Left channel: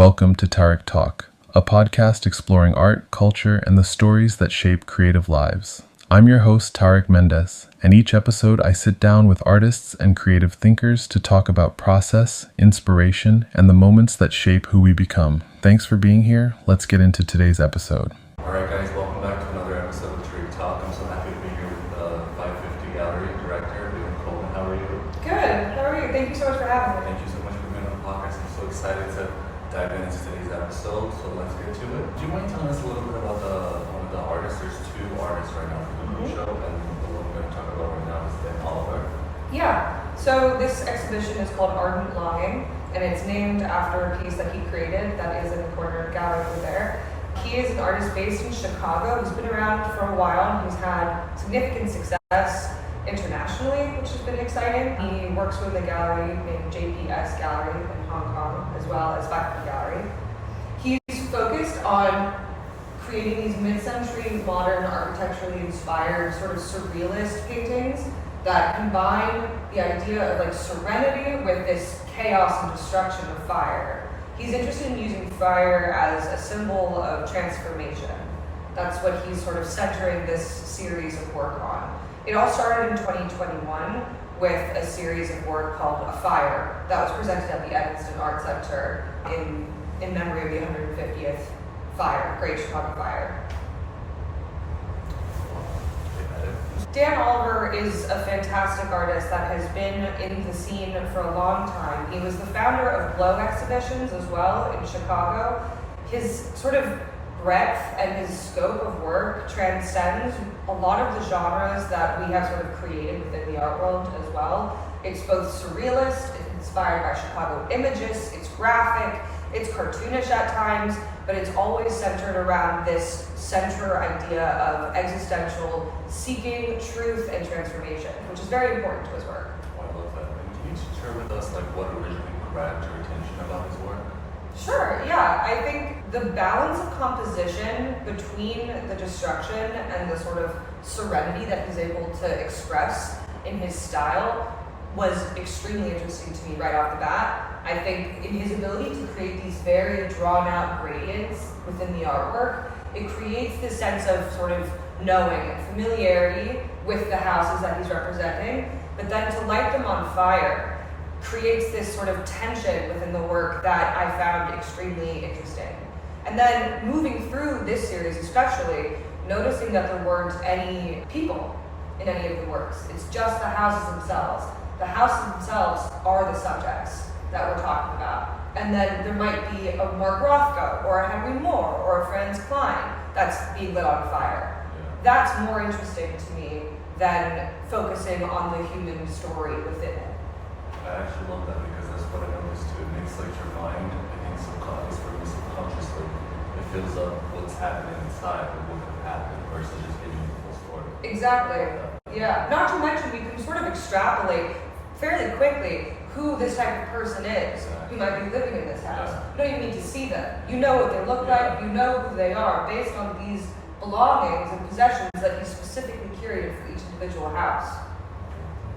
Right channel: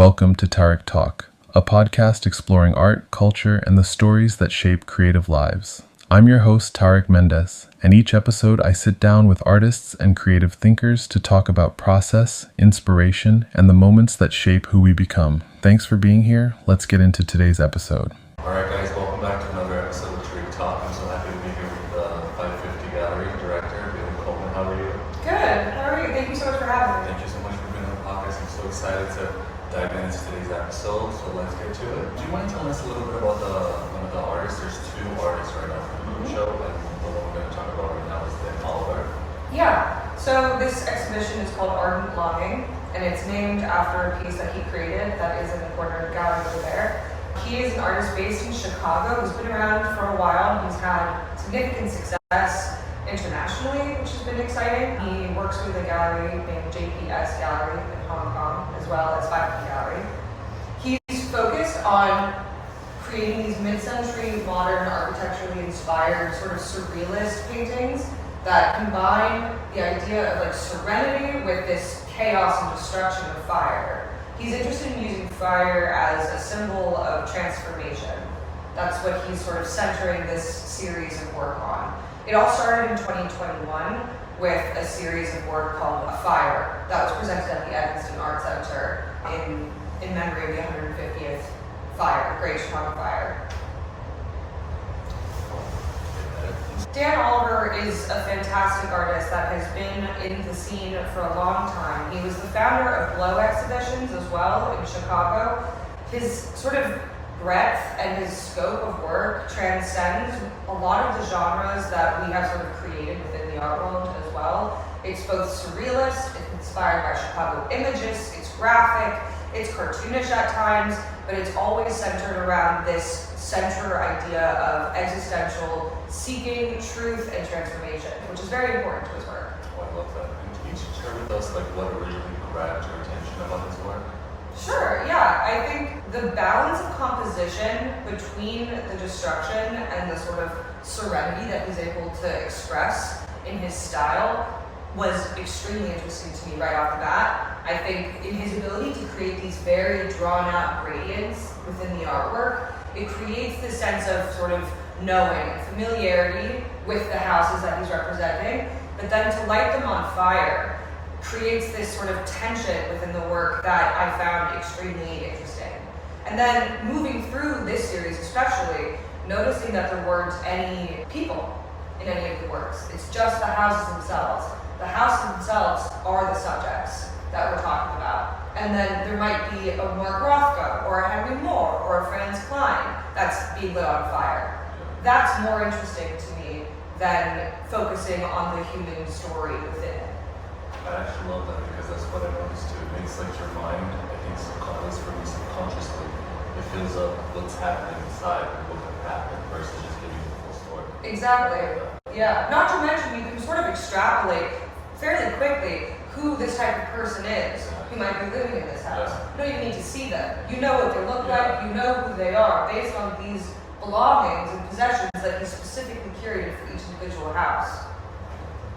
Welcome to Tarik Talk, a podcast exploring art, culture, and the stories that shape creative lives. I'm your host, Tarik Mendes, and each episode I sit down with artists and creative thinkers to talk about process, inspiration, and the moments that shape who we become. Thanks for being here. Let's get into today's episode. All right, guys, welcome back to another episode of Tarik Talk. I'm so happy to be here with the 550 Gallery director, Bailey Coleman. How are you? Good. How are you? Thank you so much for having me. Thank you so much for being on the podcast. I'm so excited to dive into today's episode, so let's get to it. Do you mind telling us a little bit about one of the artists? There's two artists right now from the show, and the one we're going to talk about right now is Dan Oliver. Yeah. So this exhibition is called Ardent Longing, and it's named after a piece that he created that is in the corner of the gallery over there. He is an artist based in Chicago. He's been around for a while, and he's had significant success internationally, which has been exciting. He works with a gallery named JPS Gallery in Hong Kong, as well as 550 Gallery. He's focused on creating these mid-century, modern, architecturally inspired, sort of surrealist paintings that combine the idea of like serenity with this chaos and destruction of fire. He's interested in using fire as a symbol of transformation. That's what he's sort of centering this series of work on. It all started in 2021 with a series of work called A Fire that was presented at the Evanston Art Center in memory of the 150th fire, Great Chicago Fire. Dan Oliver is a fantastic artist that has been in the scene for a long time. He was the founder of Glow Exhibitions as well in Chicago. His sort of breadth and his scope of work transcends a lot of the genres that we have sort of created within the art world as well. It's both surrealist, it's inspired by Chicago images, it's graphic, it's cartoonish at times, but it's always centered around this central idea of existential seeking, truth, and transformation, which is very important to his work. Oh, I love that. And can you share with us like what originally grabbed your attention about his work? Sure, yeah. I think the balance of composition between the destruction and the sort of serenity that he's able to express in his style was extremely interesting to me right off the bat. I think in his ability to create these very drawn out gradients within the artwork, it creates this sense of sort of knowing and familiarity with the houses that he's representing, but then to light them on fire creates this sort of tension within the work that I found extremely interesting. And then moving through this series especially, noticing that there weren't any people in any of the works. It's just the houses themselves. The houses themselves are the subjects that we're talking about. And then there might be a Mark Rothko or a Henry Moore or a Franz Klein that's being lit on fire. That's more interesting to me than focusing on the human story within it. I actually love that because that's what I noticed too. It makes like your mind, I think subconsciously, it fills up what's happening inside and what could happen versus just giving you the full story. Exactly. Yeah. Not to mention you can sort of extrapolate fairly quickly who this type of person is who might be living in this house. You don't even need to see them. You know what they look like, you know who they are based on these belongings and possessions that he specifically curated for each individual house.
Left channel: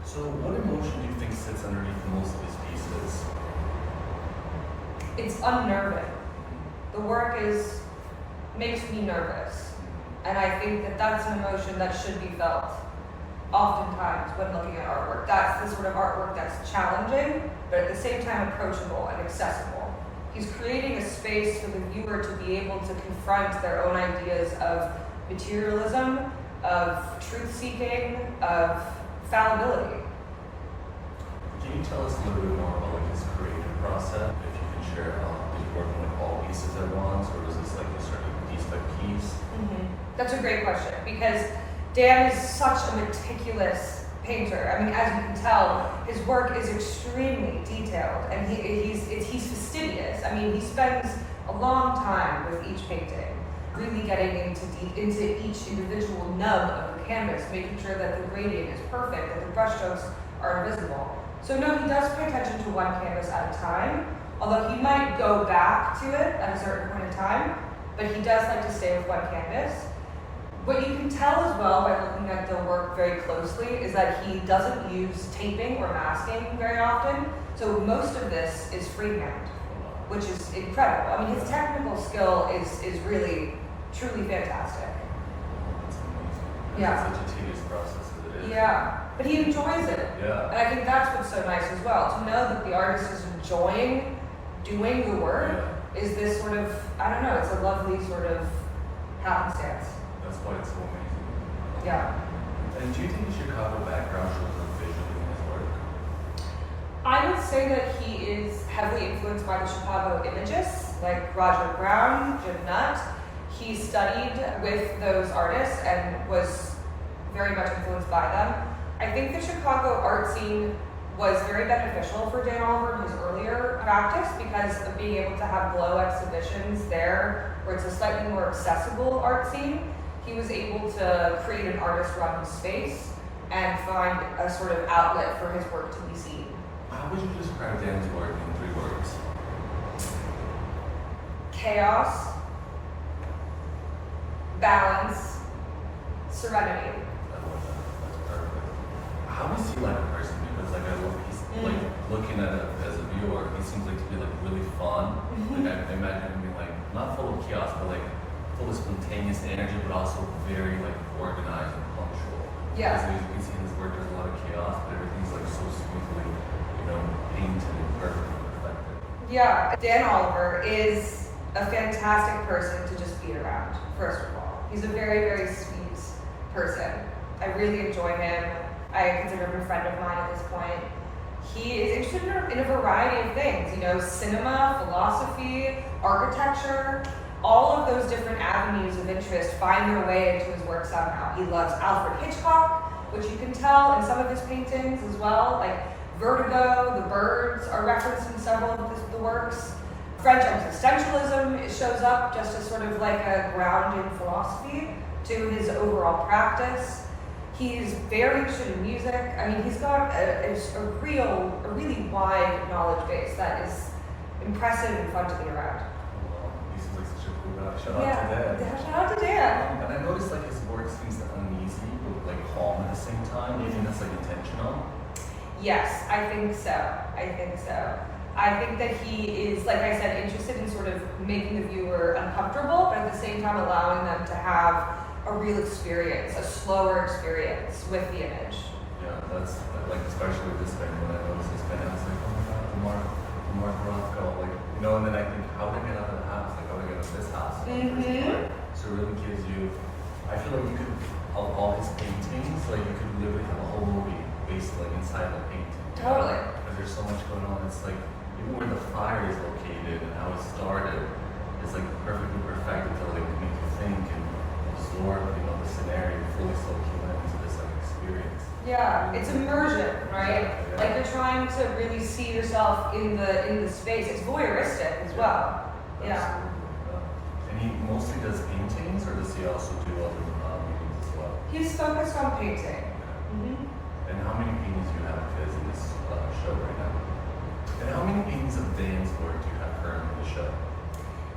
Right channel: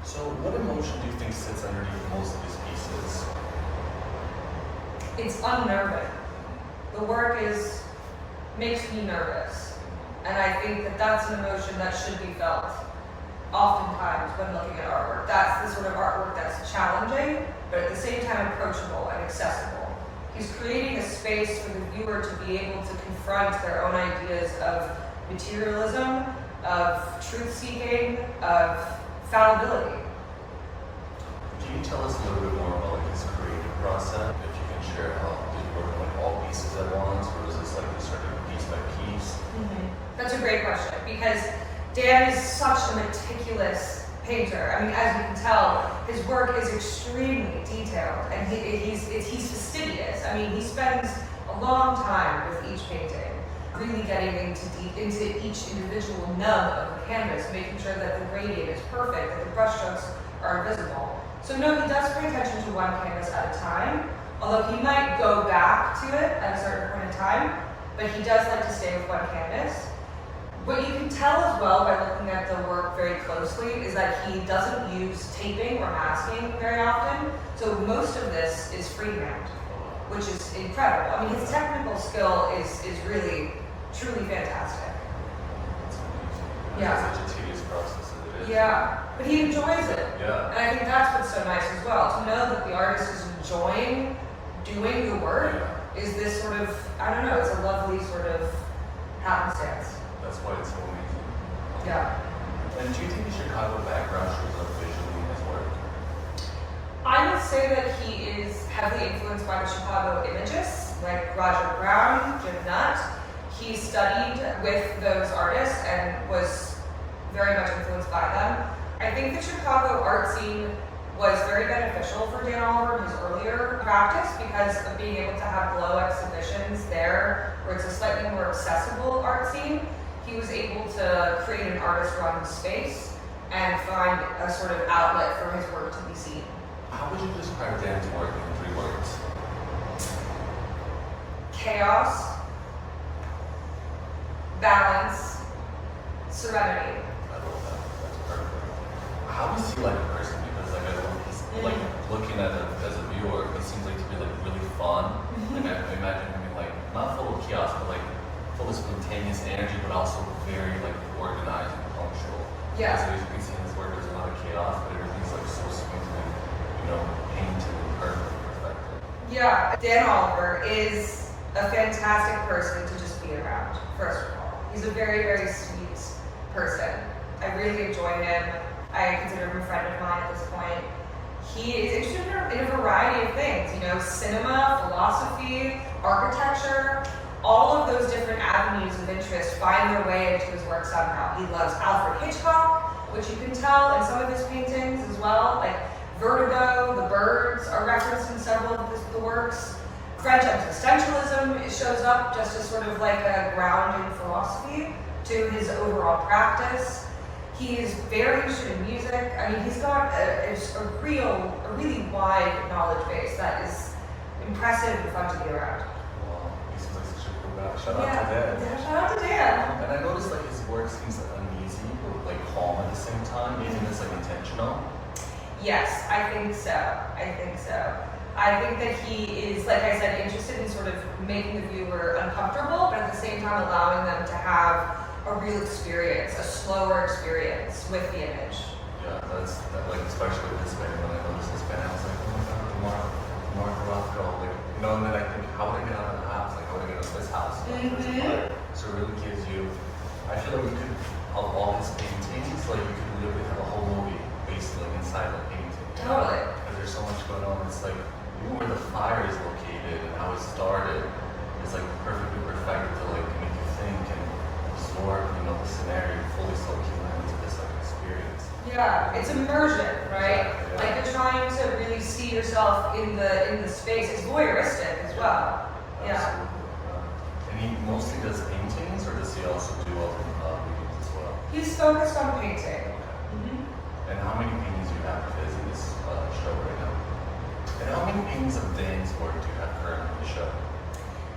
So what emotion do you think sits underneath most of his pieces? It's unnerving. The work makes me nervous. And I think that that's an emotion that should be felt oftentimes when looking at artwork. That's the sort of artwork that's challenging, but at the same time approachable and accessible. He's creating a space for the viewer to be able to confront their own ideas of materialism, of truth-seeking, of fallibility. Can you tell us a little bit more about like his creative process? If you can share how did you work on like all pieces at once, or was this like a certain piece by piece? That's a great question because Dan is such a meticulous painter. I mean, as you can tell, his work is extremely detailed and he's fastidious. I mean, he spends a long time with each painting, really getting into each individual nub of the canvas, making sure that the gradient is perfect, that the brushstrokes are invisible. So no, he does pay attention to one canvas at a time, although he might go back to it at a certain point in time, but he does like to stay with one canvas. What you can tell as well by looking at the work very closely is that he doesn't use taping or masking very often, so most of this is freehand. which is incredible. I mean, his technical skill is really, truly fantastic. It's amazing. Yeah. It's such a tedious process as it is. Yeah, but he enjoys it. Yeah. And I think that's what's so nice as well, to know that the artist is enjoying doing the work is this sort of, I don't know, it's a lovely sort of happenstance. That's why it's so amazing. Yeah. And do you think the Chicago background shows up visually in his work? I would say that he is heavily influenced by the Chicago imagists, like Roger Brown, Jim Nutt. He studied with those artists and was very much influenced by them. I think the Chicago art scene was very beneficial for Dan Oliver in his earlier practice because of being able to have glow exhibitions there where it's a slightly more accessible art scene. He was able to create an artist-run space and find a sort of outlet for his work to be seen. How would you describe Dan's work in 3 words? Chaos, balance, serenity. I love that. That's perfect. How is he like a person? Because like he's like looking at it as a viewer, he seems like to be like really fun. Like I imagine him like not full of chaos, but like full of spontaneous energy, but also very like organized and punctual. Yeah. So as you can see in his work, there's a lot of chaos, but everything's like so smoothly, painted and perfectly reflected. Yeah, Dan Oliver is a fantastic person to just be around, first of all. He's a very, very sweet person. I really enjoy him. I consider him a friend of mine at this point. He is interested in a variety of things, cinema, philosophy, architecture. All of those different avenues of interest find their way into his work somehow. He loves Alfred Hitchcock, which you can tell in some of his paintings as well. Like Vertigo, The Birds are referenced in several of the works. French existentialism shows up just as sort of like a grounding philosophy to his overall practice. He's very interested in music. I mean, he's got a really wide knowledge base that is impressive and fun to be around. Wow, he seems like such a cool guy. Shout out to Dan. Yeah, shout out to Dan. And I noticed like his work seems like uneasy but like calm at the same time. Do you think it's like intentional? Yes, I think so. I think that he is, like I said, interested in sort of making the viewer uncomfortable, but at the same time allowing them to have a real experience, a slower experience with the image. Yeah, that's like especially with this painting. When I noticed this painting, I was like, oh my god, the Mark Rothko, and then I think, how would I get out of the house? Like, how would I get out of this house? So it really gives you. I feel like you could, of all his paintings, like you could literally have a whole movie based like inside the painting. Totally. But there's so much going on. It's like even where the fire is located and how it started, it's like perfectly perfected to like make you think and absorb, the scenario, fully soak you into this like experience. Yeah, it's immersion, right? Exactly, yeah. Like you're trying to really see yourself in the space. It's voyeuristic as well. Yeah. Absolutely. And he mostly does paintings, or does he also do other readings as well? He's focused on painting. And how many paintings do you have of his in this show right now? And how many paintings of Dan's work do you have currently in the show?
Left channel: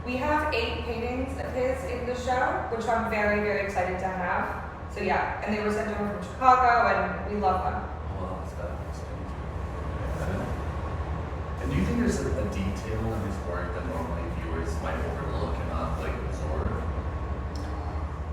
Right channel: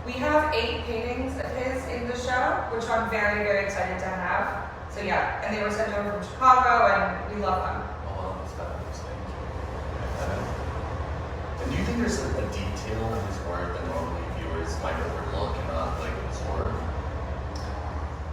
We have 8 paintings of his in the show, which I'm very, very excited to have. So yeah, and they were sent over from Chicago, and we love them. Oh, that's fabulous. Thank you. And do you think there's a detail in his work that normally viewers might overlook and not like absorb?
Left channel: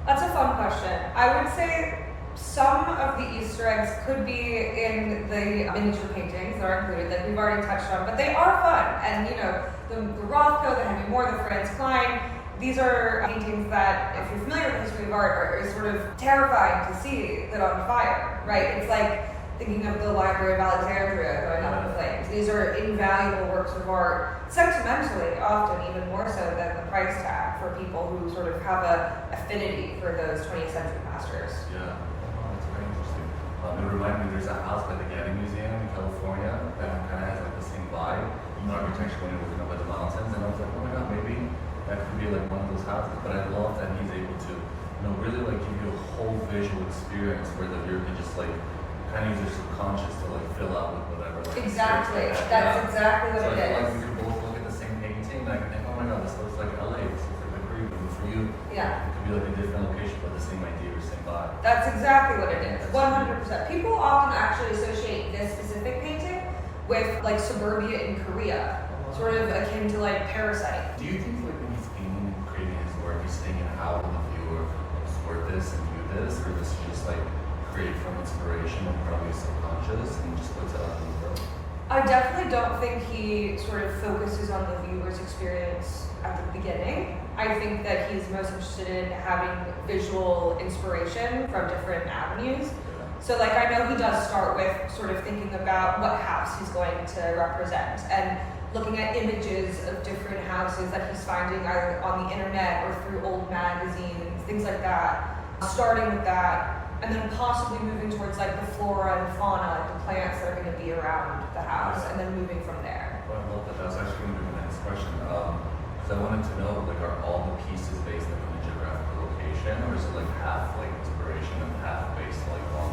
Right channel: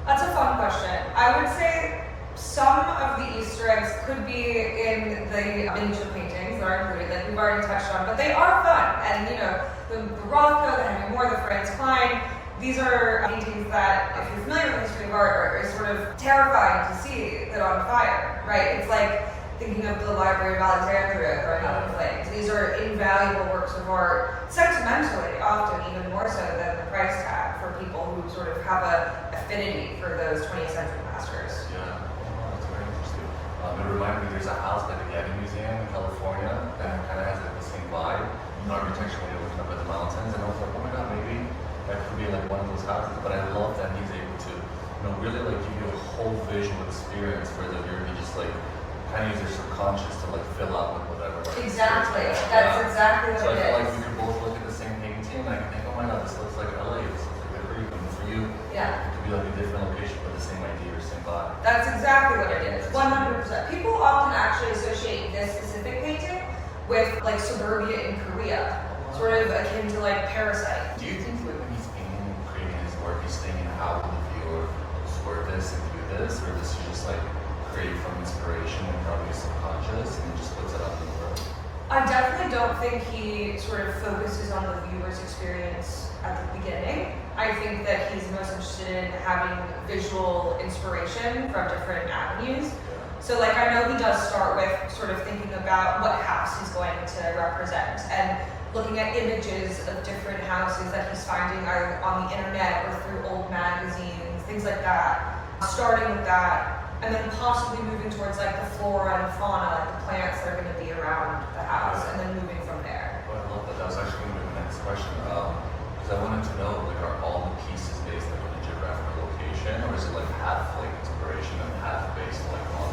That's a fun question. I would say some of the Easter eggs could be in the miniature paintings that are included that we've already touched on, but they are fun. And the Rothko, the Henry Moore, the Franz Klein, these are paintings that, if you're familiar with the history of art, are sort of terrifying to see lit on fire, right? It's like thinking of the Library of Alexandria going up in flames. These are invaluable works of art, sentimentally often even more so than the price tag for people who sort of have a affinity for those 20th century masters. Yeah, that's very interesting. It reminded me, there's a house by the Getty Museum in California that kind of has like the same vibe, architecturally looking up at the mountains, and I was like, oh my god, maybe that could be like one of those houses. But I love that he's able to, really like give you a whole visual experience where the viewer can just like kind of use your subconscious to like fill out with whatever. Exactly. That's exactly what so it I feel is. like we could both look at the same painting and I can think, oh my god, this looks like LA, this looks like the Creek, and for you, Yeah. it could be like a different location but the same idea or same vibe. That's exactly what it is. 100%. People often actually associate this specific painting with like suburbia in Korea. sort of akin to like Parasite. Do you think like when he's being creating his work, he's thinking how will the viewer absorb this and do this, or does he just like create from inspiration and probably subconscious and just puts it out in the world? I definitely don't think he sort of focuses on the viewer's experience at the beginning. I think that he's most interested in having visual inspiration from different avenues. So like I know he does start with sort of thinking about what house he's going to represent and looking at images of different houses that he's finding either on the internet or through old magazines, things like that. Starting with that, and then possibly moving towards like the flora and fauna, like the plants that are going to be around the house, and then moving from there. Well, I love that. That was actually going to be my next question. Because I wanted to know, like, are all the pieces based like on a geographical location, or is it like half like inspiration and half based like on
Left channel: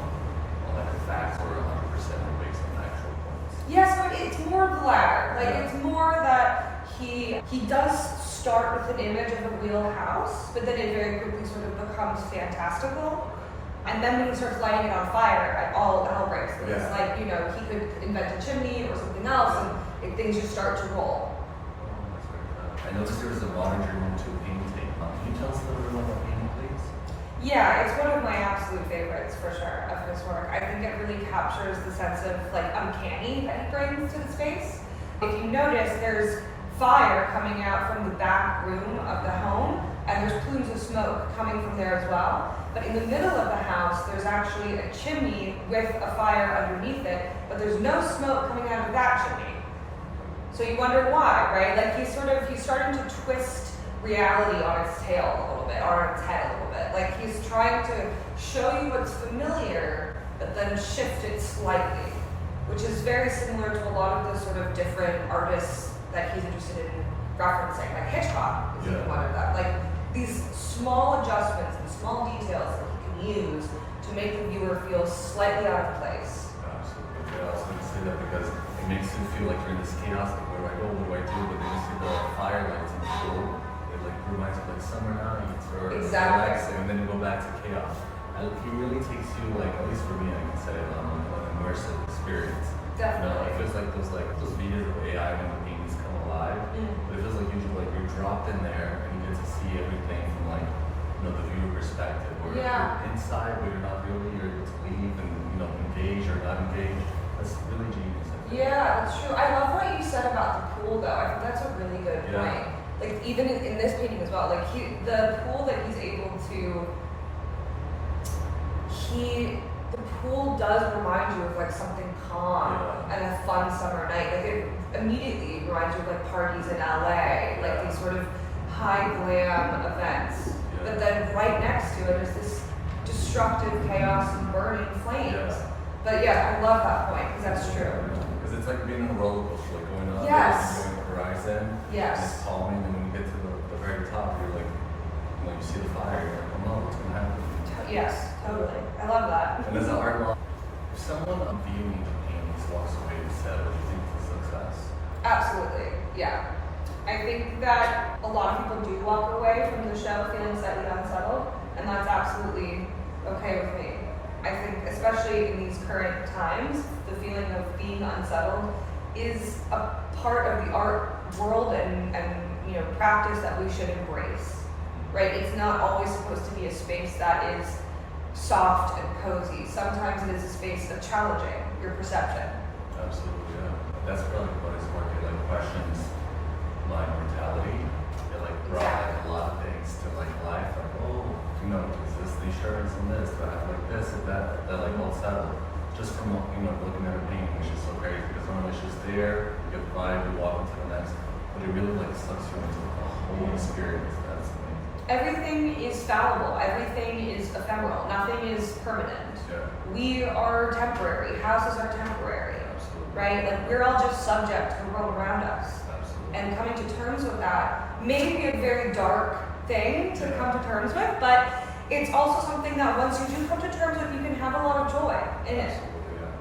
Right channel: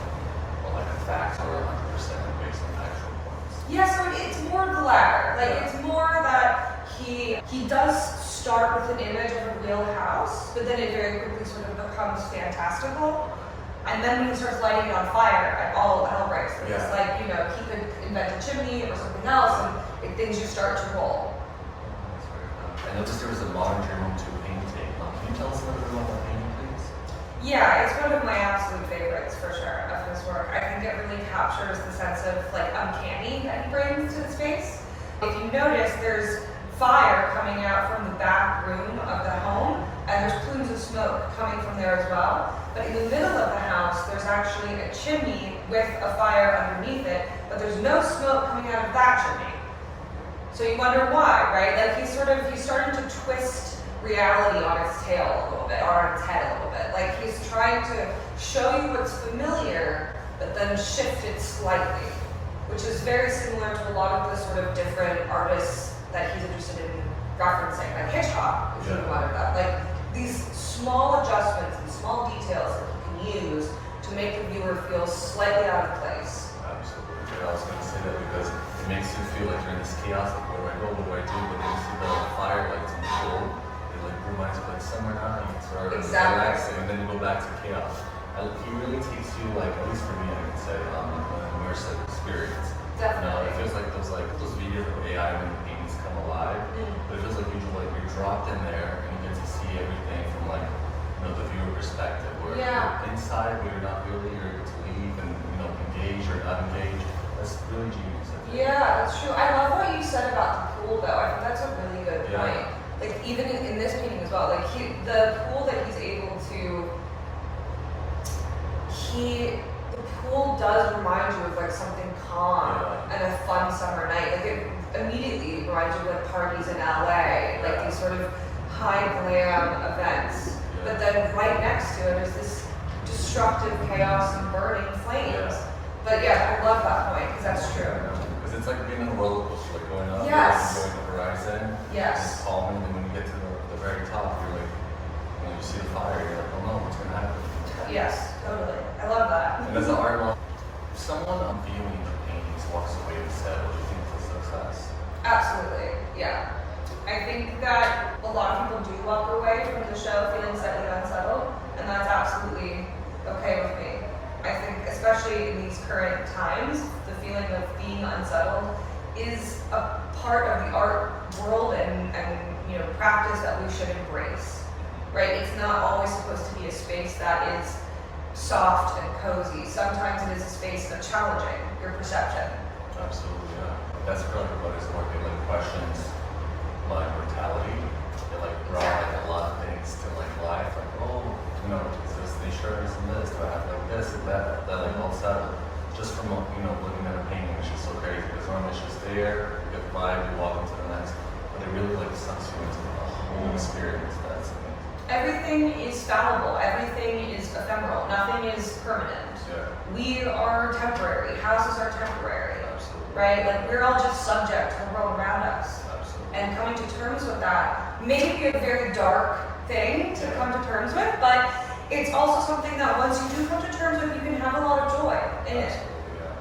like the facts, or 100% based on actual points? Yeah, so it's more the latter. Like it's more that he does start with an image of a real house, but then it very quickly sort of becomes fantastical. And then when he starts lighting it on fire, all hell breaks loose. Yeah. Like, you know, he could invent a chimney or something else, and things just start to roll. Oh, that's very good. I noticed there was a modern journal to painting. Can you tell us a little bit about that painting, please? Yeah, it's one of my absolute favorites for sure of his work. I think it really captures the sense of like uncanny that he brings to the space. If you notice, there's fire coming out from the back room of the home, and there's plumes of smoke coming from there as well. But in the middle of the house, there's actually a chimney with a fire underneath it, but there's no smoke coming out of that chimney. So you wonder why, right? Like he's starting to twist reality on its tail a little bit, or on its head a little bit. Like he's trying to show you what's familiar, but then shift it slightly, which is very similar to a lot of the sort of different artists that he's interested in referencing, like Hitchcock is even one of them. Like these small adjustments and small details that you can use to make the viewer feel slightly out of place. Absolutely. Yeah, I was going to say that because it makes you feel like you're in this chaos. Like, where do I go? What do I do? But then you see the firelights and cool. It like reminds you like summer nights or relaxing, and then you go back to chaos. He really takes you like, at least for me, I can say, an immersive experience. Definitely. You know, it feels like those videos of AI when the paintings come alive. But it feels like you're dropped in there and you get to see everything from like, you know, the viewer perspective. Where you're inside, where you're not really, you're able to leave and, you know, engage or not engage. That's really genius. Yeah, that's true. I love what you said about the pool though. I think that's a really good point. Like even in this painting as well, like the pool that he's able to, the pool does remind you of like something calm and a fun summer night. Like it immediately reminds you of like parties in LA, like these sort of high glam events. But then right next to it is this destructive chaos and burning flames. But yeah, I love that point because that's true. Because it's like being on a roller coaster, like going up and going the horizon. Yes. And it's calming, and when you get to the very top, you're like, you know, you see the fire, you're like, oh no, what's gonna happen? Yes, totally. I love that. And as an art law, if someone on viewing the paintings walks away with set, do you think it's a success? Absolutely, yeah. I think that a lot of people do walk away from the show feeling slightly unsettled, and that's absolutely okay with me. I think, especially in these current times, the feeling of being unsettled is a part of the art world and you know practice that we should embrace. Right? It's not always supposed to be a space that is soft and cozy. Sometimes it is a space of challenging your perception. Absolutely, yeah. That's really what his work. It like questions my mortality. It like brought like a lot of things to like life. Like, oh, you know, is this the insurance and this? Do I have like this and that? That like all settled. Just from you know looking at a painting, it's just so crazy because normally it's just there, you get the vibe, you walk into the next, but it really like sucks you into the whole experience. That's amazing. Everything is fallible. Everything is ephemeral. Nothing is permanent. Yeah. We are temporary. Houses are temporary. Absolutely. Right? Like we're all just subject to the world around us. Absolutely. And coming to terms with that may be a very dark thing to come to terms with, but it's also something that once you do come to terms with, you can have a lot of joy in it.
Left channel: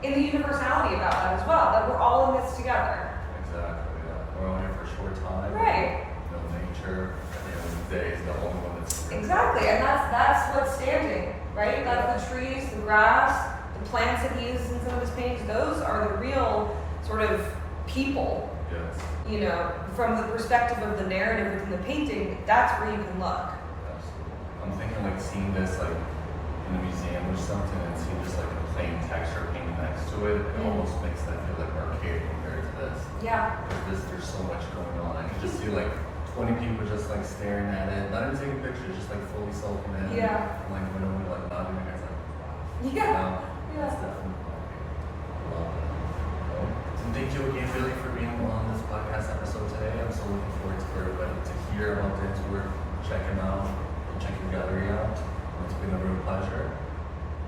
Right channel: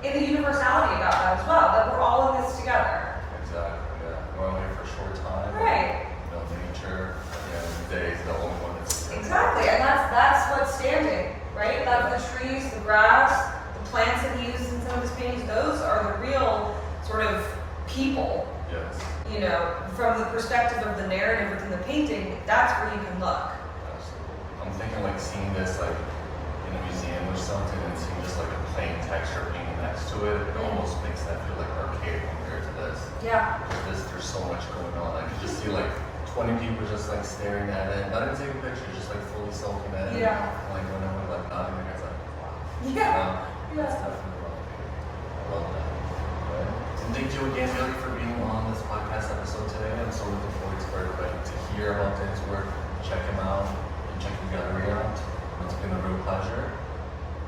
In the universality about that as well, that we're all in this together. Exactly, yeah. We're only here for a short time. Right. You know, nature, at the end of the day, is the only one that's... Exactly, and that's what's standing, right? Like the trees, the grass, the plants that he uses in some of his paintings, those are the real sort of people. Yes. you know, from the perspective of the narrative within the painting, that's where you can look. Absolutely. I'm thinking like seeing this like in a museum or something and seeing just like a plain texture painting next to it, it almost makes that feel like archaic compared to this. Yeah. There's so much going on. I can just see like 20 people just like staring at it, not even taking pictures, just like fully soaking in. Yeah. Like when I'm like nodding their heads like, wow. Yeah. That's definitely what I love that. Right. And thank you again, Bailey, for being on this podcast episode today. I'm so looking forward for everybody to hear about Tarek's work, check him out, and check your gallery out. It's been a real pleasure.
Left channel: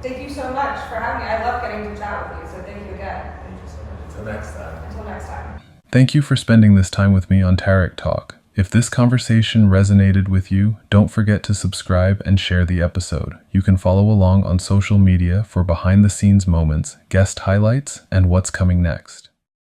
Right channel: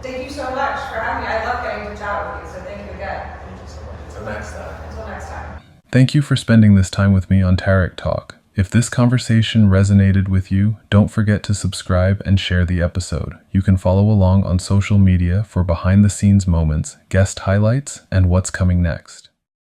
Thank you so much for having me. I love getting to chat with you, so thank you again. Thank you so much. Until next time. Until next time. Thank you for spending this time with me on Tarik Talk. If this conversation resonated with you, don't forget to subscribe and share the episode. You can follow along on social media for behind-the-scenes moments, guest highlights, and what's coming next.